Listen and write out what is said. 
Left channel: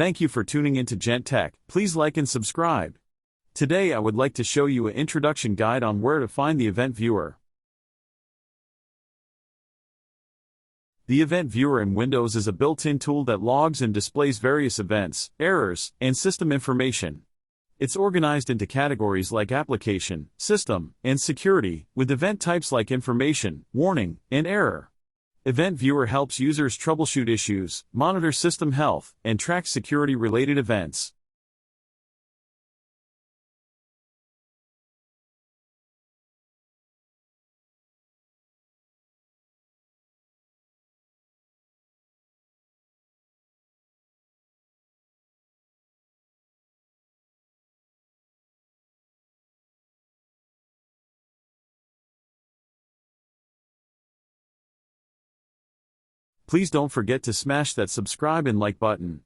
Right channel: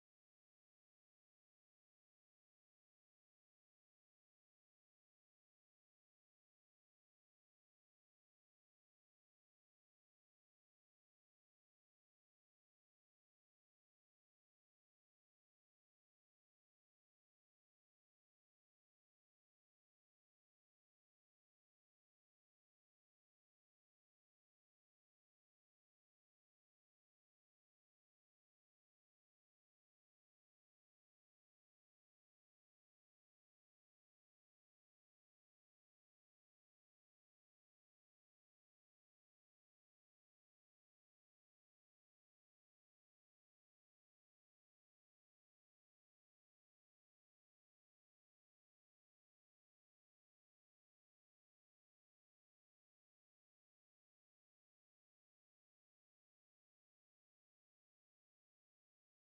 Thank you for tuning into Jent Tech. Please like and subscribe. Today I would like to show you an introduction guide on where to find the event viewer. The event viewer in Windows is a built-in tool that logs and displays various events, errors, and system information. It's organized into categories like application, system, and security, with event types like information, warning, and error. Event Viewer helps users troubleshoot issues, monitor system health, and track security-related events. Please don't forget to smash that subscribe and like button.